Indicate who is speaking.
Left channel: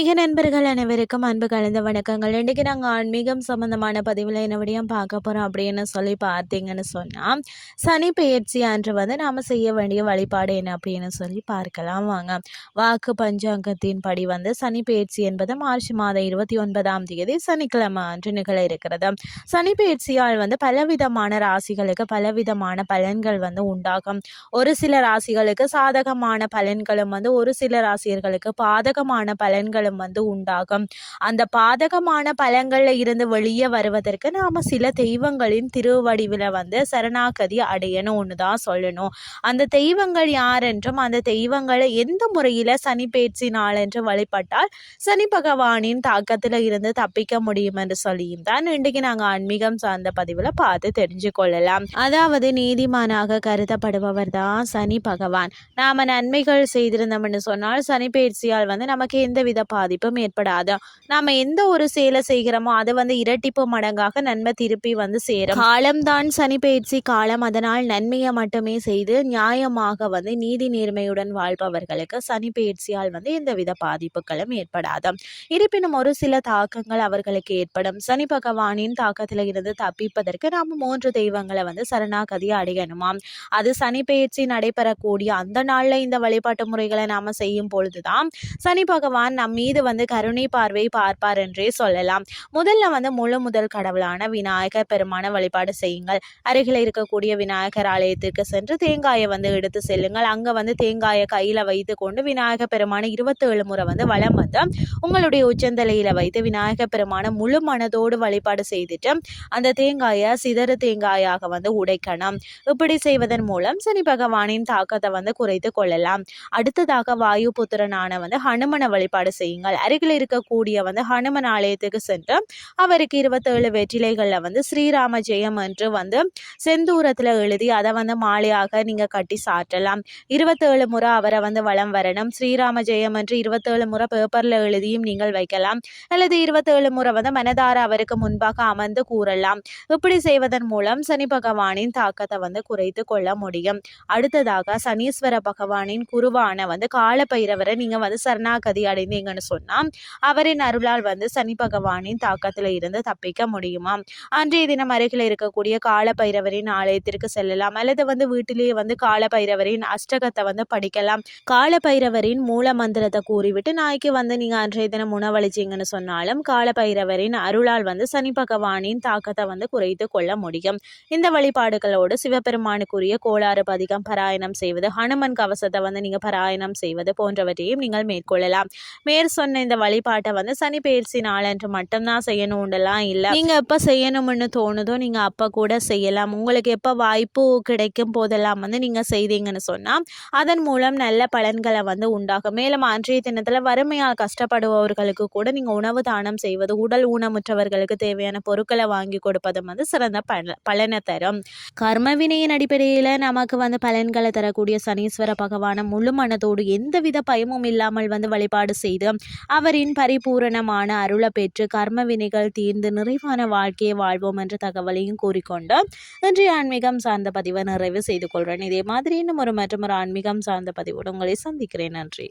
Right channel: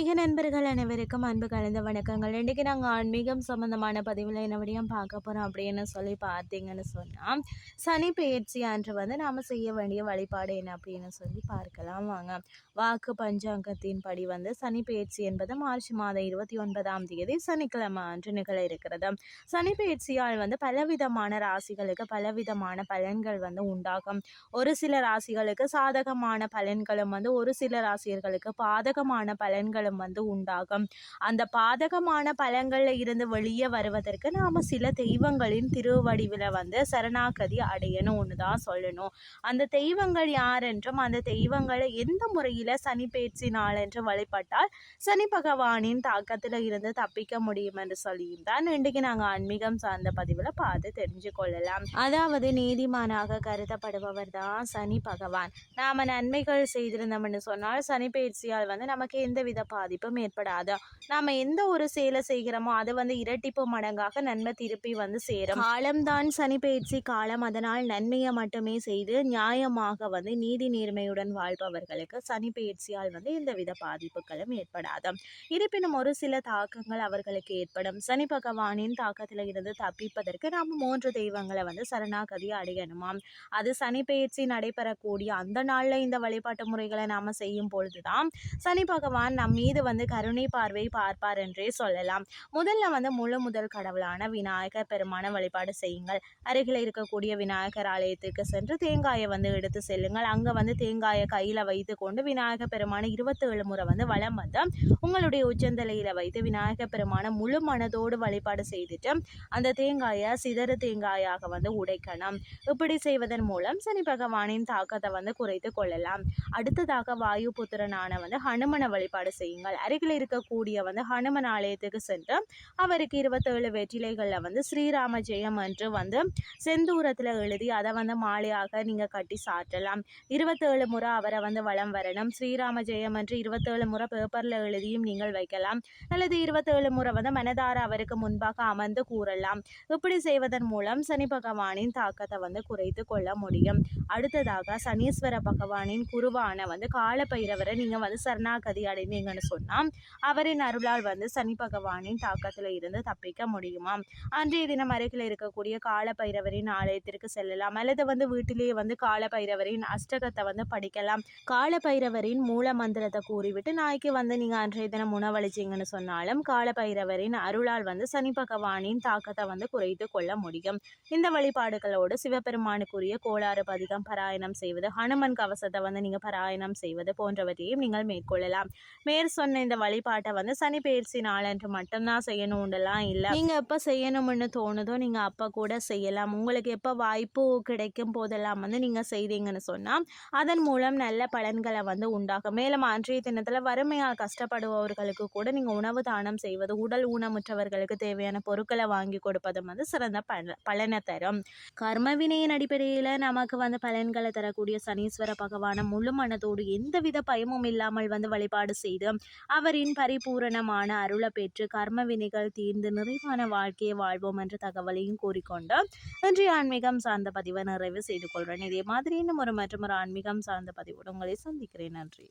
Speaker 1: ஆன்மீக நண்பர்கள் அனைவருக்கும் அன்பு கலந்த வணக்கங்கள். இன்றைக்கு நாங்கள் ஆன்மீகம் சம்மந்தமான பதிவில் என்னபடியும் பார்க்க போகிறோம் அப்படின்னு சொல்லி பார்த்தீங்கன்னு சொன்னால் சனி பெயர்ச்சி அன்று வந்து நாம் செய்ய வேண்டிய வழிபாடு என்ன அப்படின்னு சொல்லி பார்க்கலாம் வாங்க. வாக்கு பஞ்சாங்கத்தின் படி வந்து சனி பெயர்ச்சி என்பது மார்ச் மாதம் இருபத்தி ஒன்பதாம் தேதி சனிக்கிழமை அன்று நிகழ இருக்கிறது. சனி பெயர்ச்சியால் வந்து பலவிதமான ராசிகளுக்கு பலவிதமான பலன்கள் வந்து உண்டாகும். ஒரு சில ராசிகளுக்கு சாதகமான பலன்களும் வந்து ஒரு சில ராசியர்களுக்கு பாதகமான பலன்களும் வந்து உண்டாகும். அந்த பாதகமான பலங்களில் இருந்து வெளியே வருவதற்கு நாம் சில தெய்வங்களின் திருவடிவில் வந்து சரணாகதி அடையணும்னு தான் சொல்லணும். அந்த தெய்வங்கள் யார் என்றும் அந்த தெய்வங்களை எந்த முறையில் சனி பேச்சு என்று வழிபட்டால் சனி பகவானின் தாக்கத்தில் இருந்து தப்பிக்க முடியும் என்று சொல்லியும் தான் இன்றைக்கு நாங்கள் ஆன்மீகம் சார்ந்த பதிவில் பார்த்து தெரிஞ்சு கொள்ளலாம். அதாவது நீதிமானாக கருதப்படுபவர் தான் சனி பகவான். நாம் நன்மைகள் செய்திருந்தோம்னு சொன்னால் சனி பயிற்சியால் வந்து நமக்கு எந்த பா பாதிப்பும் ஏற்படாது? நாம எந்த ஒரு செயலை செய்கிறோமோ அதை வந்து இரட்டிப்பு மடங்காக நன்மை திருப்பி வந்து சேரும். காலம்தான் சனி பயிற்சி காலம். அதனால் நன்மையை மட்டுமே செய்து நியாயமாக வந்து நீதி நேர்மையுடன் வாழ்பவர்களுக்கு சனி பயிற்சியால் வந்து எந்தவித பாதிப்புகளும் ஏற்படாது இருப்பினும் ஒரு சில தாக்கங்கள் அவர்களுக்கு ஏற்படும். சனி பகவானின் தாக்கத்தில் இருந்து தப்பிப்பதற்கு நாம் மூன்று தெய்வங்களை வந்து சரணாகதி அடையணுமாம். அது சனி பயிற்சி நடைபெறக்கூடிய அந்த நாளில் இந்த வழிபாட்டு முறைகளை நாம் செய்யும் பொழுதுதான் சனி பகவான் பகவான் நம் மீது வந்து கருணை பார்வை பார்ப்பார் என்றே சொல்லலாம். முதல்ல வந்து முழு முதல் கடவுளான விநாயகர் பெருமான வழிபாடு செய்யுங்கள். அருகில் இருக்கக்கூடிய விநாயகர் ஆலயத்திற்கு சென்று தேங்காயை வந்து எடுத்து செல்லுங்கள். அங்கே வந்து தேங்காயை கையில் வைத்து கொண்டு விநாயகர் பெருமான இருபத்தேழு முறை வந்து வளம் வந்து உங்களுடைய உச்சந்தலையில் வைத்து விநாயகர் பெருமான முழு மனதோடு வழிபாடு செய்துட்டு அந்த தேங்காயை சிதறு தேங்காயாக வந்து உடைக்கணும். இப்படி செய்வதன் மூலம் சனி பகவானின் தாக்கத்தை வந்து குறைத்து கொள்ளலாம். அடுத்ததாக வாயு புத்திரனான வந்து ஹனுமன வழிபாடு வழிபாடு செய்யுங்கள் அருகில் இருக்கக்கூடிய வந்து ஹனுமன் ஆலயத்துக்கு சென்று அவருக்கு இருபத்தேழு வெற்றிலைகளில் வந்து ஸ்ரீராம ஜெயம் என்று வந்து செந்தூரத்தில் எழுதி அதை வந்து மாலையாக நீங்கள் கட்டி சாற்றலாம். இருபத்தேழு முறை அவரை வந்து வளம் வரணும். ஸ்ரீராம ஜெயம் என்று இருபத்தேழு முறை பேப்பரில் எழுதியும் நீங்கள் வைக்கலாம். அல்லது இருபத்தேழு முறை வந்து மனதார அவருக்கு முன்பாக அமர்ந்து கூறலாம். இப்படி செய்வதன் மூலம் சனி பகவானின் தாக்கத்தை வந்து குறைத்து கொள்ள முடியும். அடுத்ததாக சனீஸ்வர பகவானின் குருவான வந்து காலப்பைரவரை நீங்கள் வந்து சரணாகதி அடைந்து அப்படின்னு சொன்னால் அவரின் அருளால் வந்து சனி பகவானின் தாக்கத்தில் இருந்து தப்பிக்க முடியுமா? அன்றைய தினம் அருகில் இருக்கக்கூடிய கால பைரவரின் ஆலயத்திற்கு செல்லலாம். அல்லது வந்து வீட்டிலேயே வந்து கால பைரவரின் அஷ்டகத்தை வந்து படிக்கலாம். காலபைரவரின் மூல மந்திரத்தை கூறிவிட்டு நாய்க்கு வந்து நீங்கள் அன்றைய தினம் உணவளிச்சிங்கன்னு சொன்னாலும் கால பைரவரின் அருளால் வந்து சனி பகவானின் தாக்கத்தை வந்து குறைத்து கொள்ள முடியும். இந்த வழிபாடுகளோடு சிவபெருமானுக்குரிய கோளாறு பதிகம் பாராயணம் செய்வது ஹனுமன் கவசத்தை வந்து நீங்கள் பாராயணம் செய்வது போன்றவற்றையும் நீங்கள் மேற்கொள்ளலாம். மேற் சொன்ன இந்த வழிபாட்டை வந்து சனி பயிற்சி நாளன்று மட்டும்தான் செய்யணும்லாம் இல்லை. நீங்கள் எப்போ செய்யணும்னு தோணுதோ நீங்கள் அப்போ கூட செய்யலாம். உங்களுக்கு எப்போ வாய்ப்பு கிடைக்கும் போதெல்லாம் வந்து நீங்கள் செய்தீங்கன்னு சொன்னால் அதன் மூலம் நல்ல பலன்களை வந்து உண்டாகும் மேலும் அன்றைய தினத்தில் வறுமையால் கஷ்டப்படுபவர்களுக்கு கூட நீங்கள் உணவு தானம் செய்வது உடல் ஊனமுற்றவர்களுக்கு தேவையான பொருட்களை வாங்கி கொடுப்பதும் வந்து சிறந்த பல பலனை தரும். கர்மவினையின் அடிப்படையில் நமக்கு வந்து பலன்களை தரக்கூடிய சனீஸ்வர பகவானை முழு மனதோடு எந்தவித பயமும் இல்லாமல் வந்து வழிபாடு செய்து அவரின் பரிபூரணமான அருளை பெற்று கர்ம வினைகள் தீர்ந்து நிறைவான வாழ்க்கையை வாழ்வோம் என்ற தகவலையும் கூறிக்கொண்டு இன்றைய ஆன்மீகம் சார்ந்த பதிவை நிறைவு செய்து கொள்கிறேன். இதே மாதிரி இன்னும் ஒரு மற்றும் ஒரு ஆன்மீகம் சார்ந்த பதிவோடு உங்களை சந்திக்கிறேன். நன்றி.